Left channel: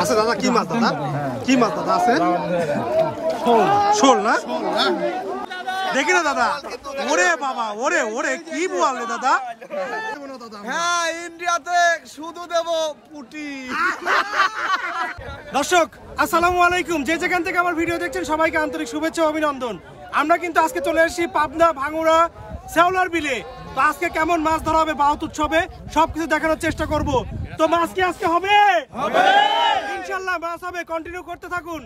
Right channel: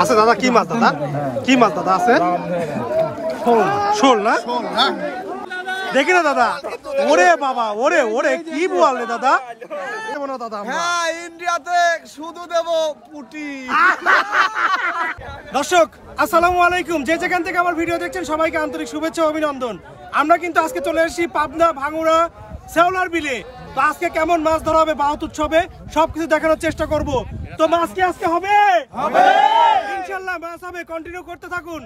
আছে দাদা, কি মাছ দাদা? কি মাছ দাদা আছে? শোল না? দেখি না দাদা, ওরে বাবা, ওরে ওরে কি বলে দাদা? হ্যাঁ, ইন্ডিয়াতে শুধু দেব পুটি। দর্শক আসসালামু আলাইকুম, যে যেখান থেকে আমার ভিডিও দেখছেন সবাইকে আন্তরিক শুভেচ্ছা ও অভিনন্দন। আমরা কিন্তু আজকে চলে এসেছি পাবনা ভাঙুড়া শেওলার বিলে। তো আজকে কেমন মাছ ধরা হবে বাউত উৎসবে সবকিছু দেখানোর চেষ্টা করব। তো মাছ কি আজকে হবে? ইনশাআল্লাহ মাছ হবে, কন্টিনিউ করতে থাকুন।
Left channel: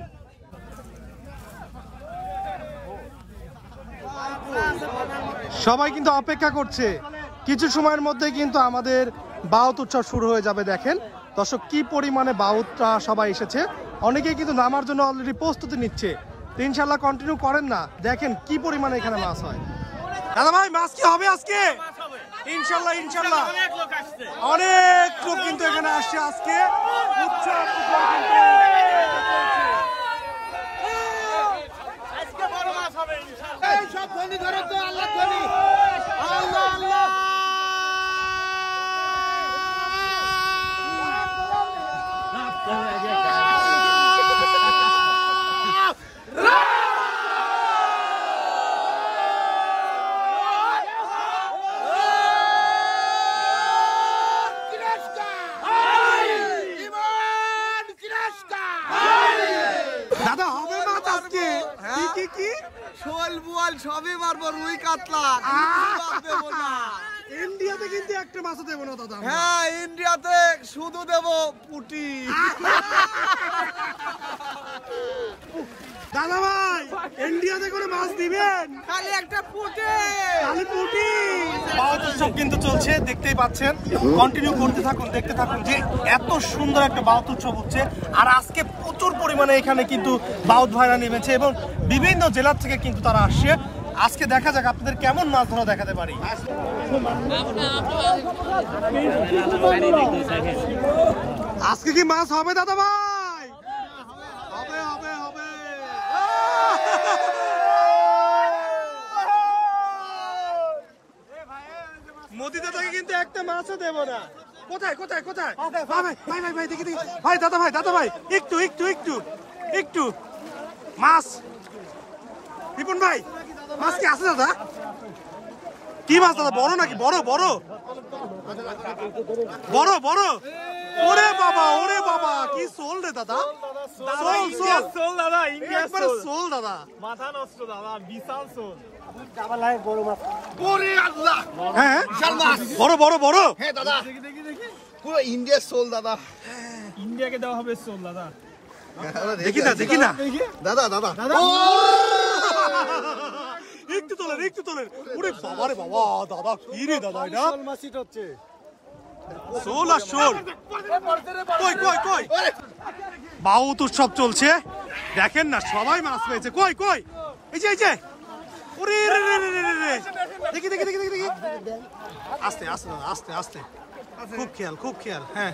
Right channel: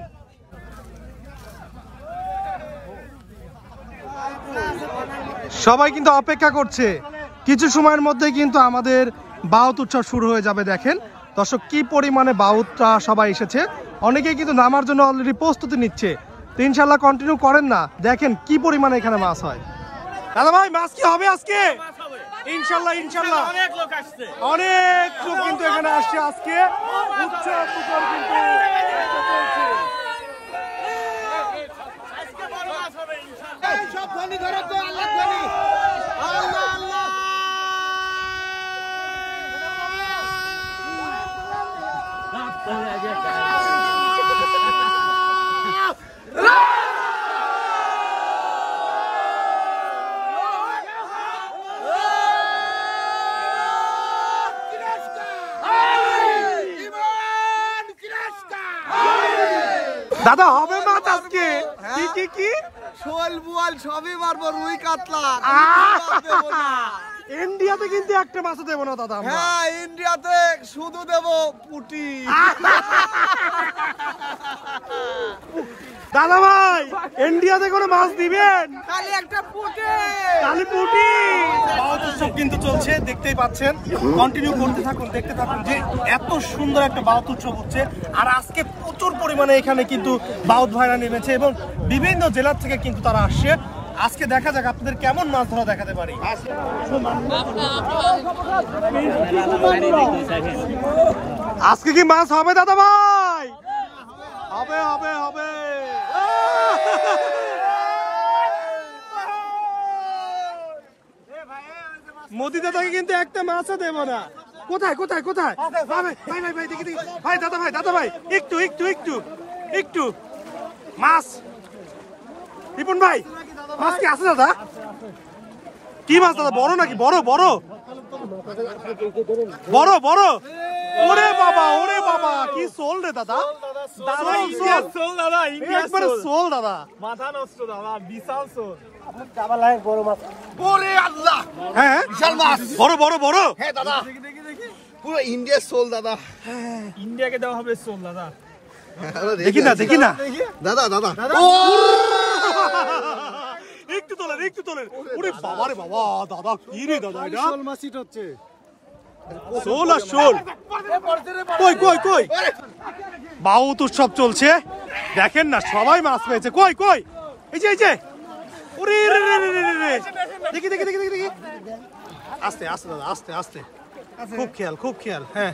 সবাই কিন্তু অপেক্ষা করছে, কিছু সময়ের মধ্যে কিন্তু আমাদের বাউত উৎসব শুরু হয়ে যাবে। দেখেন দর্শক কি পরিমাণে বাউতটা সবাই এসেছে, অনেকেই কিন্তু নামার জন্য অলরেডি প্রস্তুতি নিচ্ছে। তো ইনশাআল্লাহ কন্টিনিউ করেন না, দেখেন কি পরিমাণে এখানে মাছ হয়। দাদা ভাই মাছ কি হবে আজকে? ইনশাআল্লাহ ইনশাআল্লাহ অনেক লোক কিন্তু এখানে আসছে আজকে। উৎসব কিন্তু সব ধনী ধরো তো, আল্লাহ ধনী, আল্লাহ আল্লাহ। দাদা হবে মাছ আজকে? কি কি শোল বুয়াল সবই মারবো, রুই কাতলা। ইন্ডিয়াতে কিন্তু একটা মাছ দেবো না দাদা। হ্যাঁ, ইন্ডিয়াতে শুধু দেব পুটি। দাদা ভাই ইন্ডিয়াতে কোনো মাছ দিবেন? খালি একটা পুটি, খালি পুটি। বাউত উৎসব কিন্তু চলছে, দেখতেই পাচ্ছেন। কন্টিনিউ করতে থাকুন, দেখতে থাকুন যে এত সুন্দর একটা বাউত উৎসব হচ্ছে। আর আজকে প্রচুর পরিমাণে এখানে কিন্তু বাউত ভাইরা নেমেছে এবং বিভিন্ন জেলার থেকে কিন্তু তারা আসছে। আজকে দেখা যাক আপনাদের কেমন মাছ ধরা দেখাতে পারি। আজকে কি মাছ হবে দাদা ভাই? হবে হবে হবে। মোদি দাদাকে কিন্তু একটা মাছও দেবো না। কোথায় কোথায় কোথায়? ভাই ভাই ভাই ভাই দেখি দেখি ভাই, দাদা ভাই একটু একটু একটু একটু মাছ। রিপন ভাই মাছ কি আছে দাদা? কি মাছ দাদা? বড় নাকি? বড় বড় বড় বড়। ওরে বাবা কি সোল রে দাদা, সোল সোল একবারে সোল দাদা। হ্যাঁ বড় বড় বড়। ইন্ডিয়ার সোল দাদা, ইন্ডিয়াকে দেওয়া হবে সোল দাদা। দেখি না দেখি না দাদা দাদা একটু তোলেন একটু তোলেন। ওরে বাবা রে বাবা, দাদা কি রে দাদা এটা? সোল আর সোল। কই কই কই? বাউত উৎসব চলছে, দেখেন না সবাই মাছ পেয়েছে। কই কই? এই যে এই যে। ওরে রে রে রে রে রে, দেখি দেখি দেখি দেখি। আস্তে আস্তে দাদা, আস্তে আস্তে, খুব খেয়াল খুব খেয়াল। হ্যাঁ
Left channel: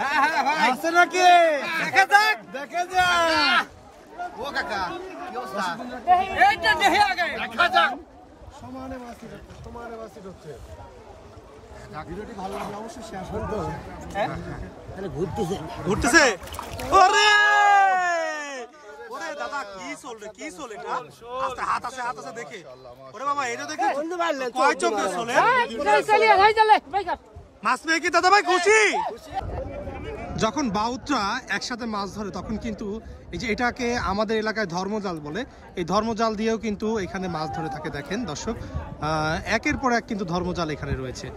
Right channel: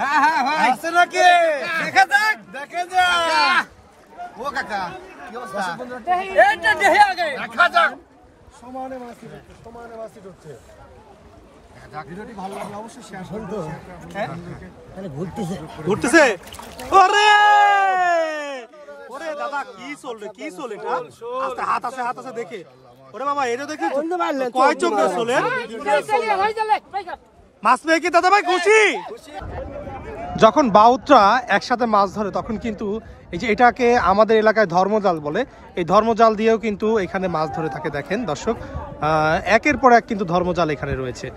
হ্যাঁ হ্যাঁ ভাই, আছে নাকি? দেখা যাক দেখা যাক। ও কাকা কি অবস্থা? এইটা দেখে আগে দেখা যাক। সমানে মাছি হচ্ছে। ভিডিওটি ভালো লাগলে অবশ্যই শেয়ার করুন তো। হ্যাঁ তাহলে ঘুরতেছে ঘুরতেছে। ওরে ওরে দাদা কি সোল রে, কি সোল এটা? আস্তে, হাত আছে হাত আছে দেখে। ওরে বাবা এটা দেখি কয় চোখ সোলে। মাছ পেয়ে কি দাদা ভাই খুশি? যখন বাউতরা একসাথে মাছ ধরে তখন কিন্তু এই যে এটাকে আমাদের এলাকায় ধর্মজাল বলে, এই ধর্মজাল দিয়েও কিন্তু এখানে মাছ ধরে থাকে। দেখেন দর্শক একের পর এক কিন্তু ধর্মজাল এখানে রয়েছে।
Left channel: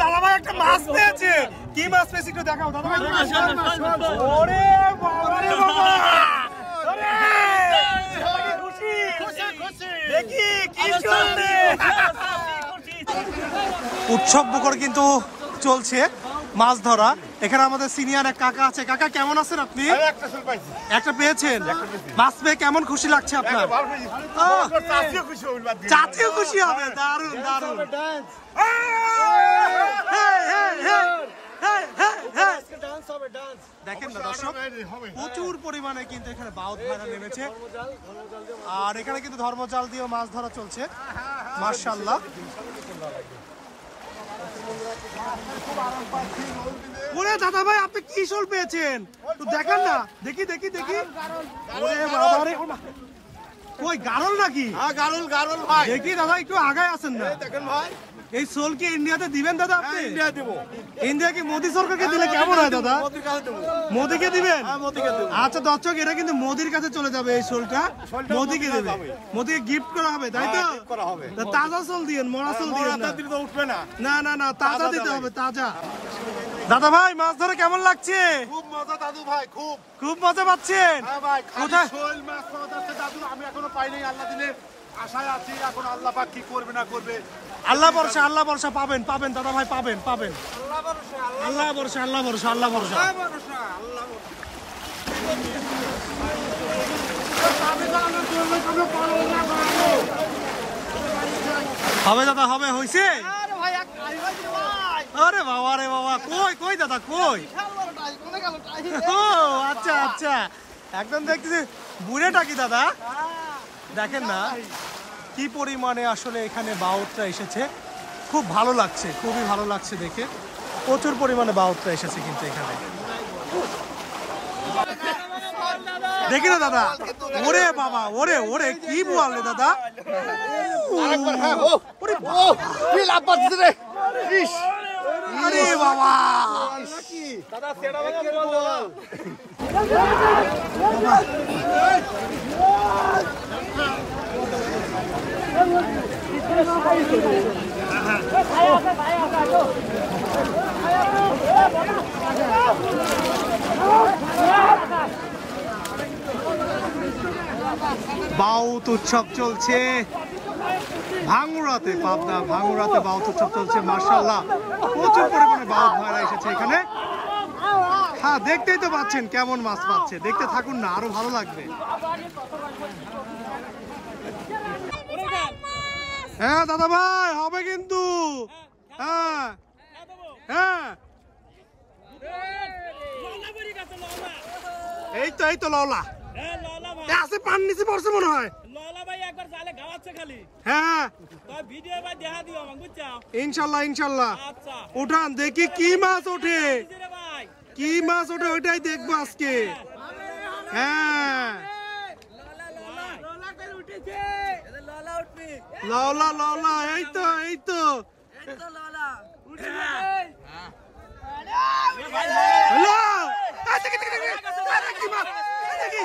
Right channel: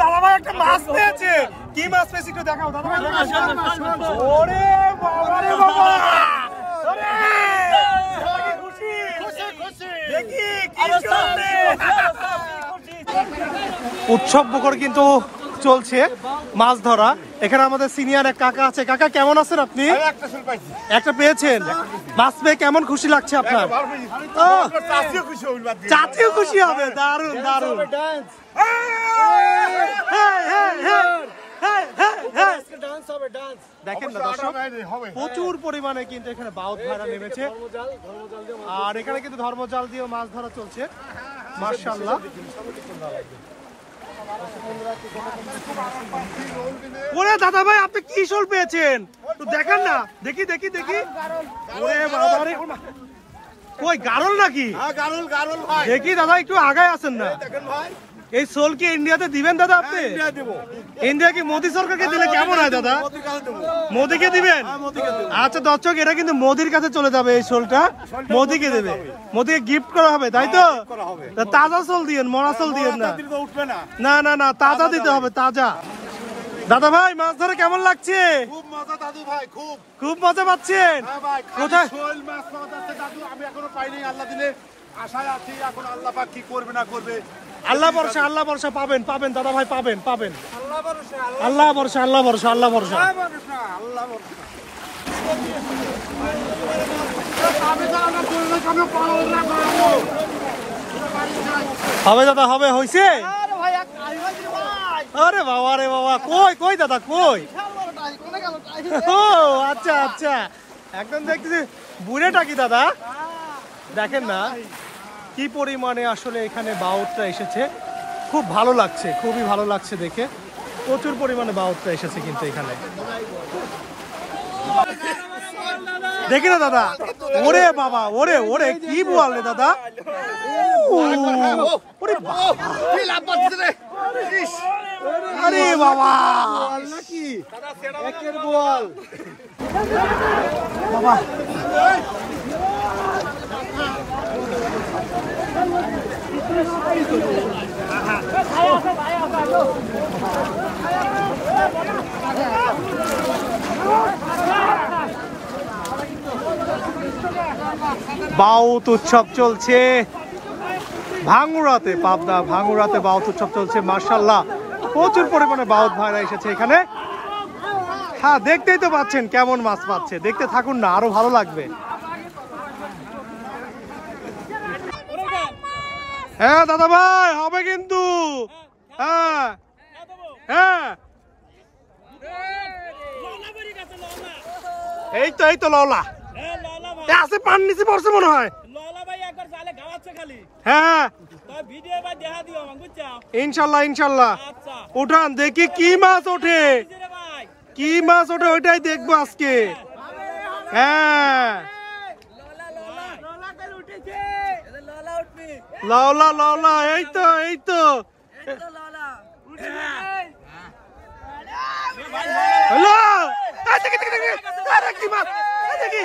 দাদা ভাই একটা মাছ পেয়েছে। কি মাছ পেয়েছে একটু দেখাও দাদা ভাই। ওরে বাবা রে বাবা, ওরে খুশি খুশি খুশি দেখি কি চলছে। উৎসব মুখর কিন্তু চলছে মাছ ধরা। এখানে আমাদের সিনিয়র এক কাকা আছে। কাকা কেমন আছেন আপনি? একটা পেয়েছেন, মাছ পেয়ে কেমন খুশি লাগছে আপনার? চাচিও খুশি হবে, দারুন দারুন। দেখেন না দর্শক প্রচুর পরিমাণে কিন্তু এখানে বাউত ভাইরা নেমেছে। আর এখানে কিন্তু ধর্মজাল দিয়েও মাছ ধরা চলছে। মাশাআল্লাহ। ওরে দাদা ভাই আপনি কি শোল পেয়েছেন একটু দেখান না, দেখি দেখি দেখি। ওরে বাবা রে, কই গারল নাকি? হ্যাঁ গারল ভাই। দেখি দাদা একটু আগায় আছেন না। দেখেন ভাই, এই শোল কি ইন্ডিয়াতে দিবেন দাদা আপনি? ইন্ডিয়া দেব। ইন্ডিয়া কি মোদি সরকারকে দিলে কেমন হয় দাদা? মোদির কাছে দেব। মোদিকে দিবেন? হ্যাঁ মোদিকে দেব। আচ্ছা দর্শক, এটা কিন্তু মোদির কাছে চলে যাবে এই শোলটা, মোদিকে দেবে, মোদিকে গিফট করা হবে তাই তো? করা হবে। তা তাজা শোল দিয়েন, মরা শোল দিয়েন না। দিলে তো উঠবে না। না না না, তাজা দিতে হবে, তাজা। দাদা ভাই মাছ ধরে কেমন লাগছে? খুব মজা দাদু ভাই, খুব। খুব মজা পাচ্ছেন? হ্যাঁ ভাই, কোথায়? শোল মাছ পাওয়া যাচ্ছে দাদু, আমি এখনো পাইনি। আল্লাহ দিলে আশায় আছি, এখন আল্লাহ পাক কি করবে না করবে। আল্লাহ ভরসা, আল্লাহ ভরসা, পাবেন পাবেন দাদা ভাই, পাবেন পাবেন। আল্লাহ ভরসা, আল্লাহ ভরসা, আল্লাহ ভরসা। হবে দাদা, হবে, হইছে? আরে বাবা রে বাবা, কই কই দাদা কই? ও আচ্ছা আচ্ছা, একদম দেখতেছি বুড়েটা কি দাদা? দেখেন না কি পরিমাণে আসলে এখানে বাউটটা এসেছে, খুব ভালো লাগছে, খুবই ভালো লাগছে দেখে। প্রচুর পরিমাণে বাউটটা এসেছে কিন্তু এখানে, দেখি না দাদা। ওরে বাবা, ওরে ওরে কি বললে দাদা? ওরে বাবা, আরে বাবা, বাউত উৎসব চলছে ভাঙ্গুড়াতে, পাবনা ভাঙ্গুড়াতে বাউত উৎসব চলছে। মাশাআল্লাহ, প্রচুর পরিমাণে বাউত ভাইরা এসেছে এখানে। হ্যাঁ দেখতেই তো পাচ্ছেন কেমন মাছ পাচ্ছে, দেখতে থাকুন না, আরো ভালো লাগবে। হ্যাঁ দাদা ভাই, হবে কিন্তু। হ্যাঁ হ্যাঁ, এই তো এই তো লওলা আছে, পান নিচে পড়ছে মনে হয়। হ্যাঁ ইনশাল্লাহ ইনশাল্লাহ, উঠান দেখি কি মাছ ওঠে, কি মাছ ওঠে ওইটাই দেখবো আজকে। হ্যাঁ লাওলা লাওলা, এই তো এই তো। হ্যালো, কি মাছ দেখি?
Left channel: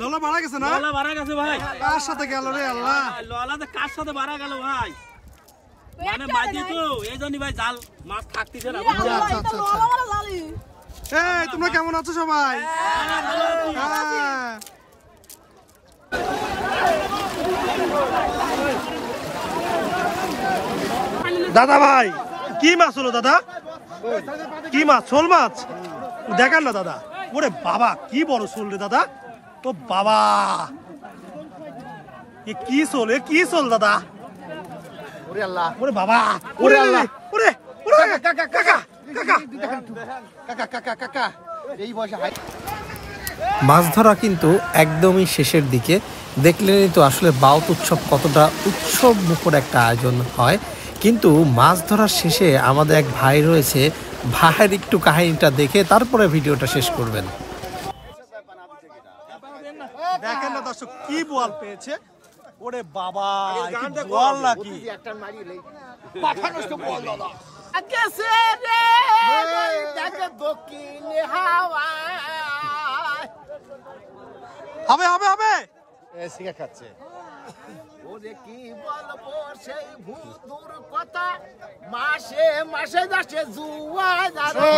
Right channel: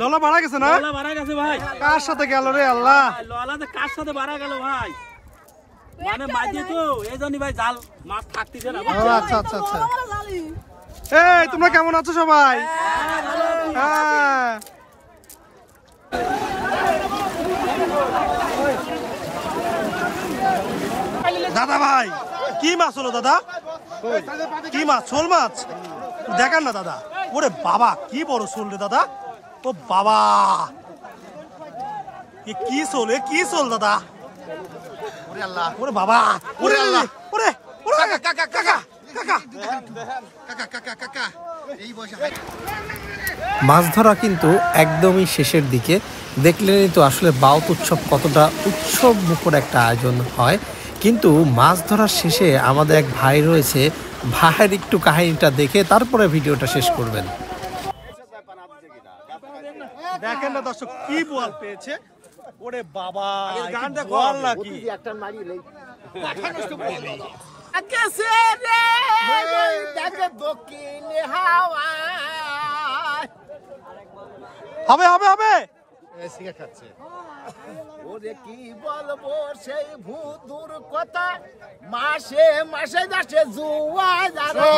ললা মারা গেছে না? কার সাথে গেল রে আল্লাহ? কার সাথে মারা গেল ভাই? মানে মাঝে তো এই জন্যই ভাই জাল মাছ থাকতেছে না। আচ্ছা আচ্ছা আচ্ছা। এই তোমরা কেমন আছো সবাই? হ্যাঁ দাদা ভাই, কি মাছ হলো দাদা? কি মাছ? শোল মাছ দেখান না দাদা। ওরে বাবা, কি বড় শোল রে দাদা। ও বাবা, কি শোল, কি শোল দাদা? ওরে আল্লাহ, ওরে বাবা, ওরে আল্লাহ, ওরে কাকা কাকা কাকা কাকা, এই বয়সে মাছ ধরা কিন্তু একদমই শেষের দিকে। দেখলেনই তো আসলে বাউত উৎসব কতটা উৎসব মুখর একটা আয়োজন হয়। কিন্তু মাছ ধরার শেষে আমাদের এক ভাই রয়েছে, ভাইয়ের একটু কাহিনীটা দেখে তারপরে ভিডিওটা শেষ করবেন। দেখেন না দর্শক, কি বোয়াল পেয়েছে। ওরে বাবা, কি বোয়াল নাকি? হবে হবে হবে, খাচ্ছে। ওরে কি বলবো সেই ভূতুর কথা, মাসে মাসে যাচ্ছে জুয়া যারা